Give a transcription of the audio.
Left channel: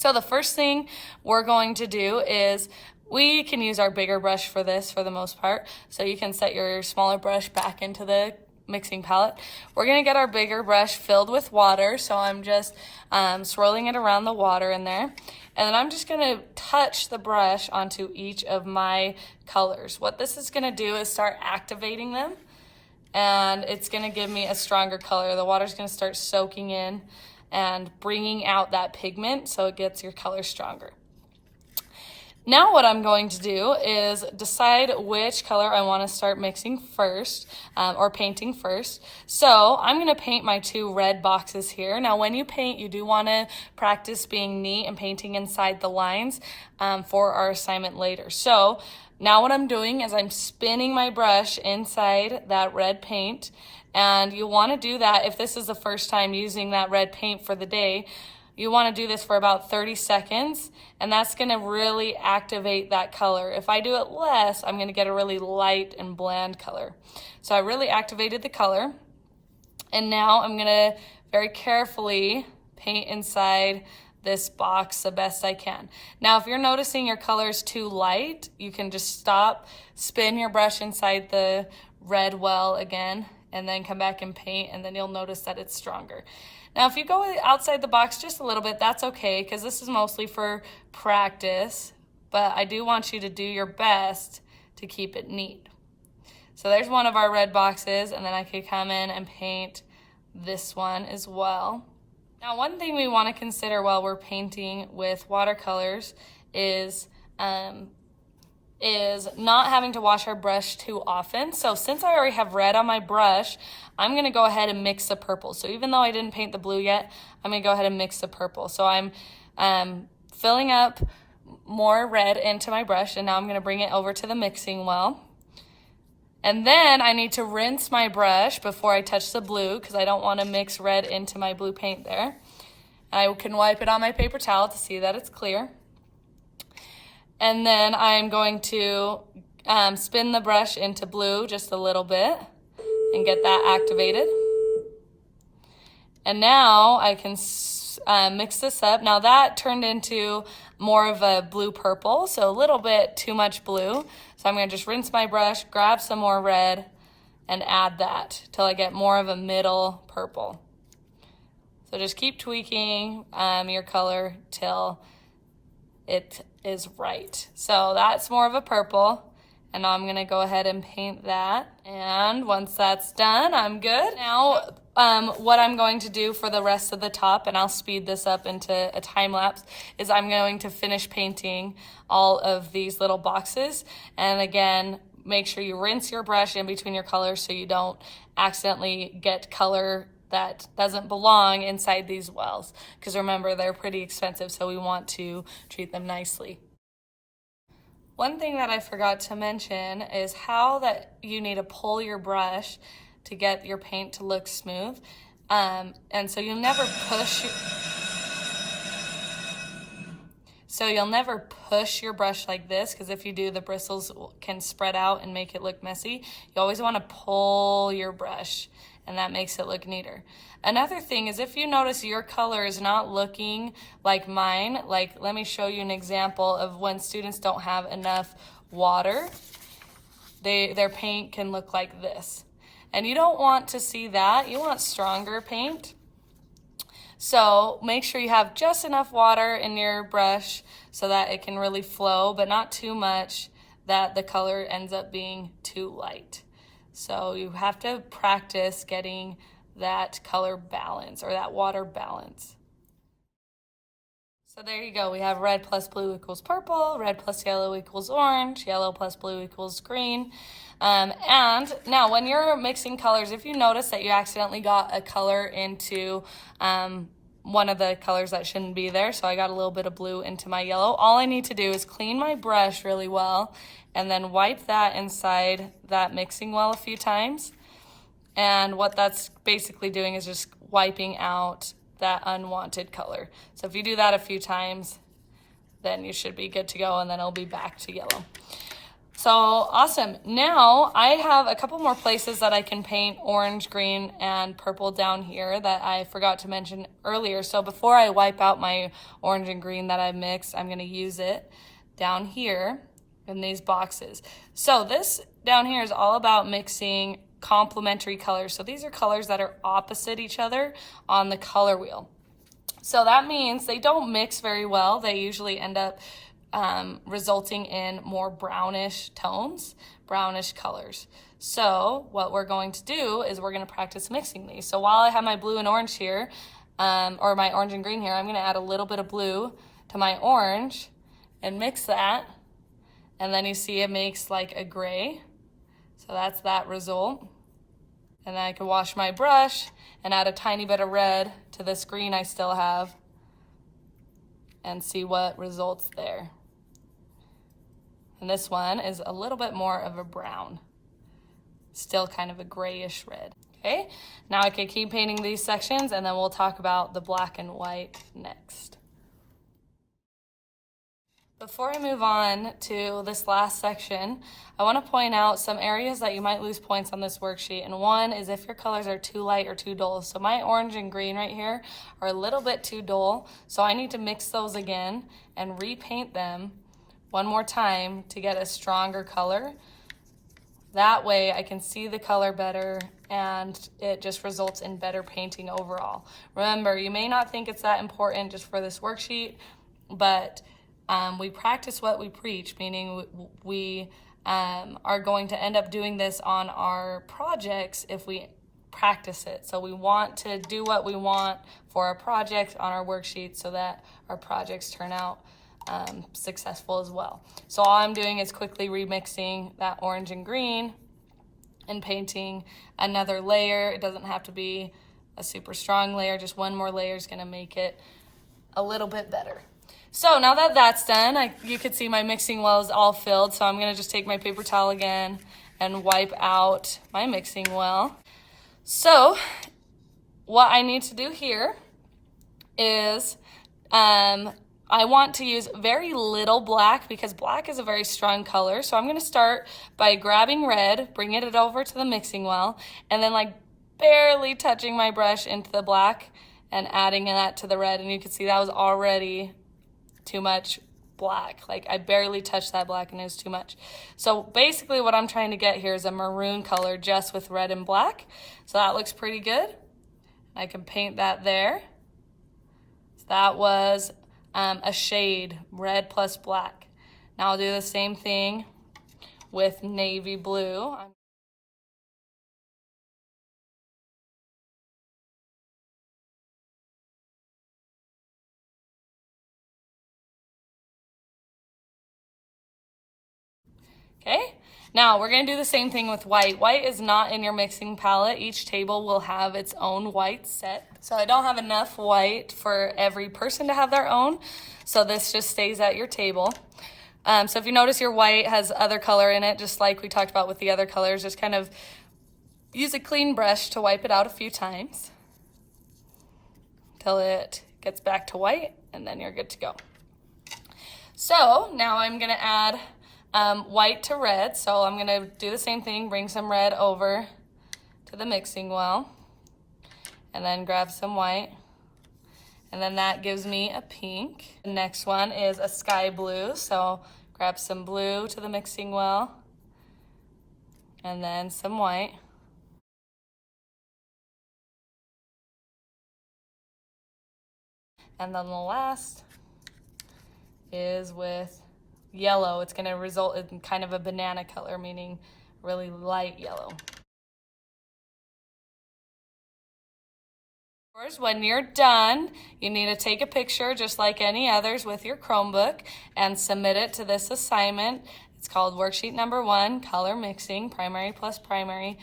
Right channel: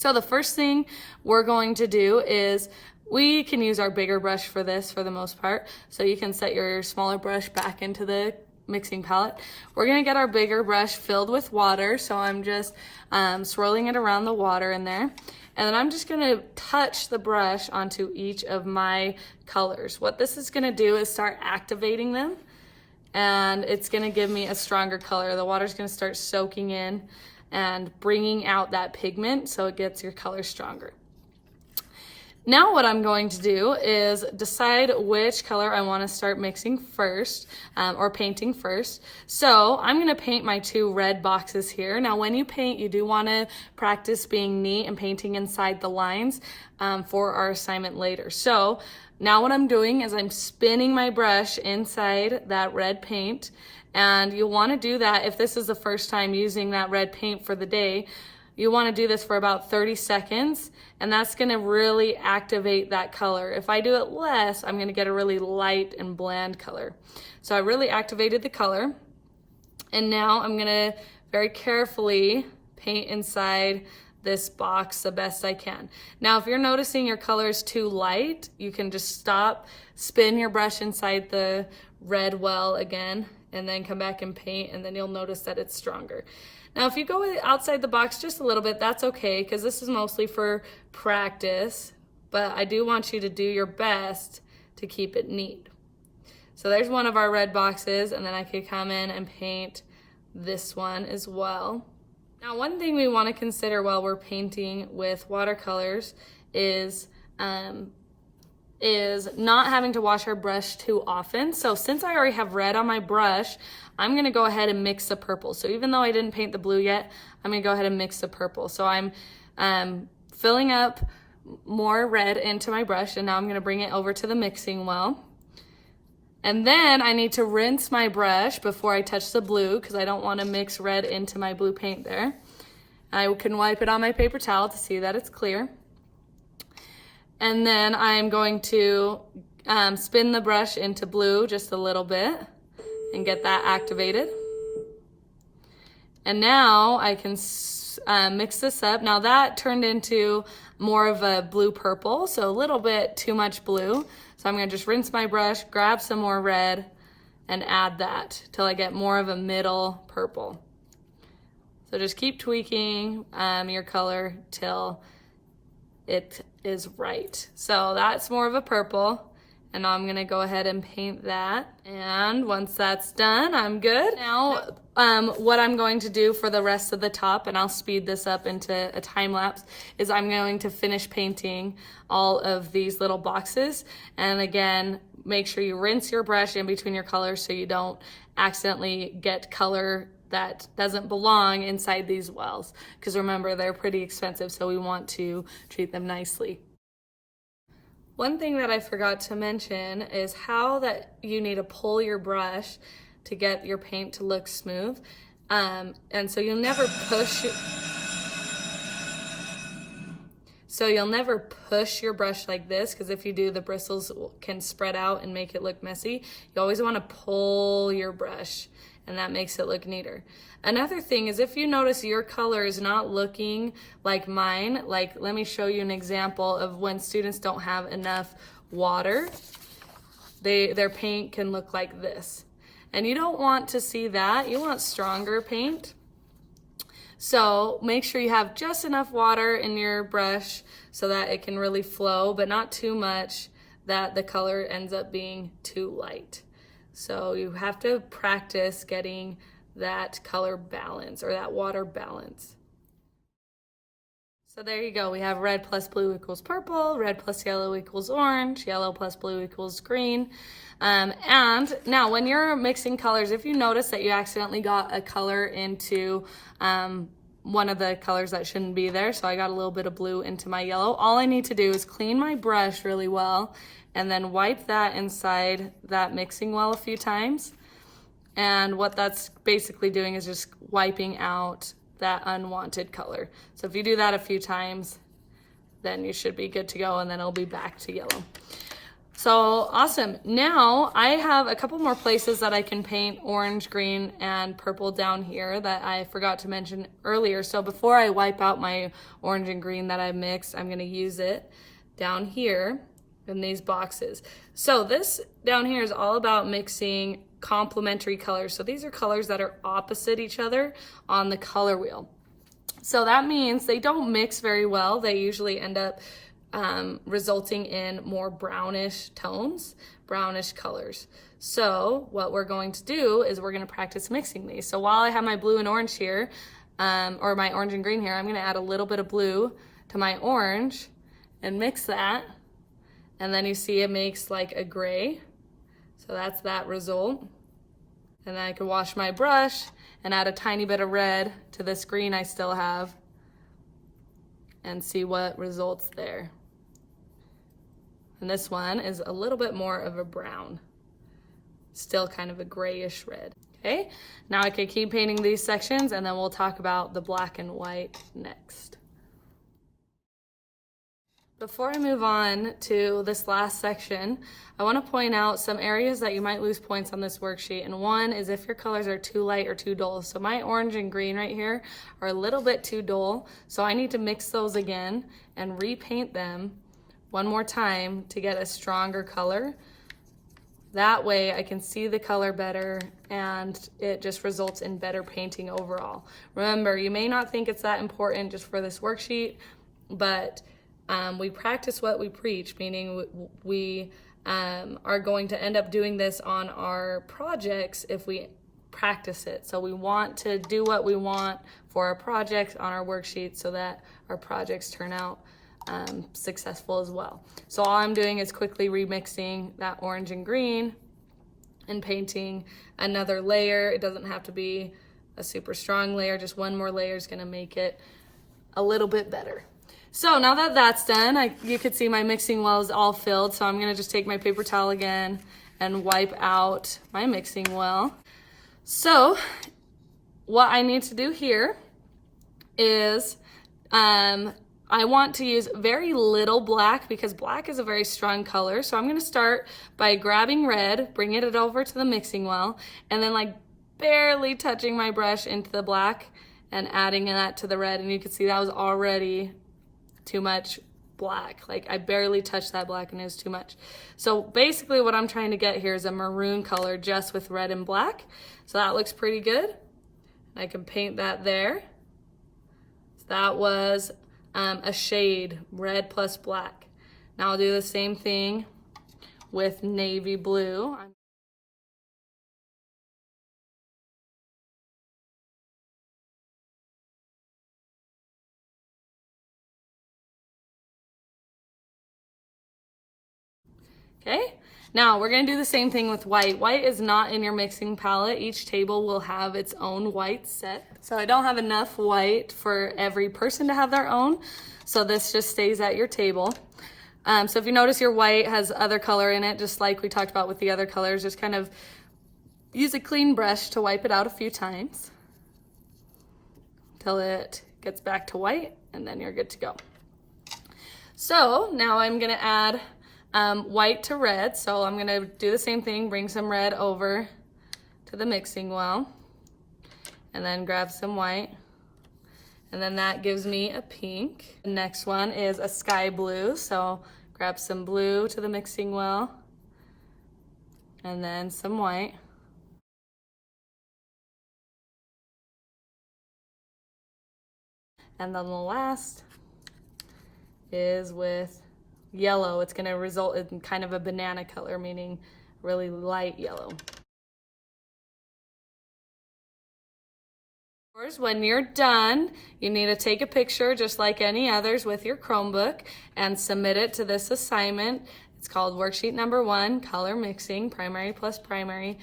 So the first thing we're going to do is we can use our bigger brush for this for the most part. So you can set your smaller brush back into the mixing palette. We're gonna get our bigger brush filled with water. So I'm just swirling it around the water in there. And then I'm just gonna touch the brush onto each of my colors. What this is gonna do is start activating them, and it's gonna give me a stronger color. The water's gonna start soaking in and bringing out that pigment so it gets your color stronger. Now what I'm going to do is decide which color I want to start mixing first, or painting first. So I'm going to paint my 2 red boxes here. Now when you paint, you do want to practice being neat and painting inside the lines for our assignment later. So now what I'm doing is I'm spinning my brush inside that red paint, and you'll want to do that if this is the first time using that red paint for the day. You want to do this for about 30 seconds, and that's going to really activate that color. If I do it less, I'm going to get a really light and bland color. So I really activated the color, and now I'm going to very carefully paint inside this box the best I can. Now if you're noticing your color is too light, you can just stop, spin your brush inside the red well again, and then come back and paint, and then you'll notice that it's stronger. Now, if you go outside the box just a little bit, that's okay, because this is mostly for practice, but I do want you to do your best to keep it neat. So there's one of our red boxes, and then I could come in and paint this one as well. Now, one thing we want to consider while we're painting with watercolors is not having to wash our brush too often. So since I already have red on my brush, I'm gonna go ahead and mix the purple. So even though I didn't paint the blue yet, I'm gonna go ahead and mix the purple. So I'm filling up more red into my brush, and now I'm gonna bring it over to the mixing well. And then I need to rinse my brush before I touch the blue, because I don't wanna mix red into my blue paint there. I can wipe it on my paper towel to see that it's clear. And then I'm going to spin the brush into blue just a little bit and get that activated. And now I can mix this up. Now that turned into more of a blue purple, so a little bit too much blue. So I'm gonna just rinse my brush, grab some more red, and add that till I get more of a middle purple. So just keep tweaking your color till it is right. So that's more of a purple, and now I'm gonna go ahead and paint that. And once that's done, I'm good. Now, what I'm going to do for the rest of the top, and I'll speed this up into a time lapse, is I'm going to finish painting all of these little boxes. And again, make sure you rinse your brush in between your colors so you don't accidentally get color that doesn't belong inside these wells, because remember, they're pretty expensive, so we want to treat them nicely. One thing that I forgot to mention is how that you need to pull your brush to get your paint to look smooth. And so you'll never push your brush like this, because if you do, the bristles can spread out and make it look messy. You always want to pull your brush, and that makes it look neater. Another thing is, if you notice your color is not looking like mine, like let me show you an example of when students don't have enough water, their paint can look like this. And you don't want to see that. You want stronger paint. So make sure you have just enough water in your brush so that it can really flow, but not too much that the color ends up being too light. So you have to practice getting that color balance, or that water balance. So there you go. We have red plus blue equals purple, red plus yellow equals orange, yellow plus blue equals green. And now when you're mixing colors, if you notice that you accidentally got a color into one of the colors that shouldn't be there, so I got a little bit of blue into my yellow, all I need to do is clean my brush really well and then wipe that inside that mixing well a few times. And what that's basically doing is just wiping out that unwanted color. So if you do that a few times, then you should be good to go, and then it'll be back to yellow. So awesome. Now I have a couple more places that I can paint orange, green, and purple down here that I forgot to mention earlier. So before I wipe out my orange and green that I mixed, I'm gonna use it down here in these boxes. So this down here is all about mixing complementary colors. So these are colors that are opposite each other on the color wheel. So that means they don't mix very well. They usually end up resulting in more brownish tones, brownish colors. So what we're going to do is we're going to practice mixing these. So while I have my blue and orange here, or my orange and green here, I'm going to add a little bit of blue to my orange and mix that. And then you see it makes like a gray. So that's that result. And then I can wash my brush and add a tiny bit of red to this green I still have and see what results there. And this one is a little bit more of a brown, still kind of a grayish red. Okay, now I can keep painting these sections and then we'll talk about the black and white next. Before I move on to this last section, I want to point out some areas that you might lose points on this worksheet. And one is if your colors are too light or too dull. So my orange and green right here are a little bit too dull. So I need to mix those again and repaint them one more time to get a stronger color. That way I can see the color better and it just results in better painting overall. Remember, you may not think it's that important just for this worksheet, but we practice what we preach, meaning we are going to end up doing this on our projects if we practice it. So we want to do what we want for our projects on our worksheet so that our projects turn out successful as well. So all I'm doing is quickly remixing that orange and green and painting another layer. It doesn't have to be a super strong layer, just one more layer is gonna make it a little bit better. So now that that's done, you could see my mixing well is all filled. So I'm gonna just take my paper towel again and wipe out my mixing well. So what I need to do here is I want to use very little black because black is a very strong color. So I'm gonna start by grabbing red, bringing it over to the mixing well, and then like barely touching my brush into the black and adding that to the red. And you can see that was already too much black. Like I barely touched that black and it was too much. So basically what I'm trying to get here is a maroon color just with red and black. So that looks pretty good. I can paint that there. So that was a shade, red plus black. Now I'll do the same thing with navy blue. Okay, now we're gonna do the same thing with white. White is not in your mixing palette. Each table will have its own white set. So I don't have enough white for every person to have their own. So this just stays at your table. So if you notice your white has other color in it, just like we talked about with the other colors, just kind of use a clean brush to wipe it out a few times till it gets back to white and then you're good to go. So now I'm gonna add white to red. So I'm gonna do the same thing, bring some red over to the mixing well and then grab some white. And then that gives me a pink. The next one is a sky blue. So grab some blue to the mixing well and then some white. And then the last is with yellow. It's gonna result in kind of a banana color, meaning really light yellow. When you're done, you need to take a picture just like any others with your Chromebook and submit it to this assignment. It's called worksheet number 1, color mixing, primary plus primary.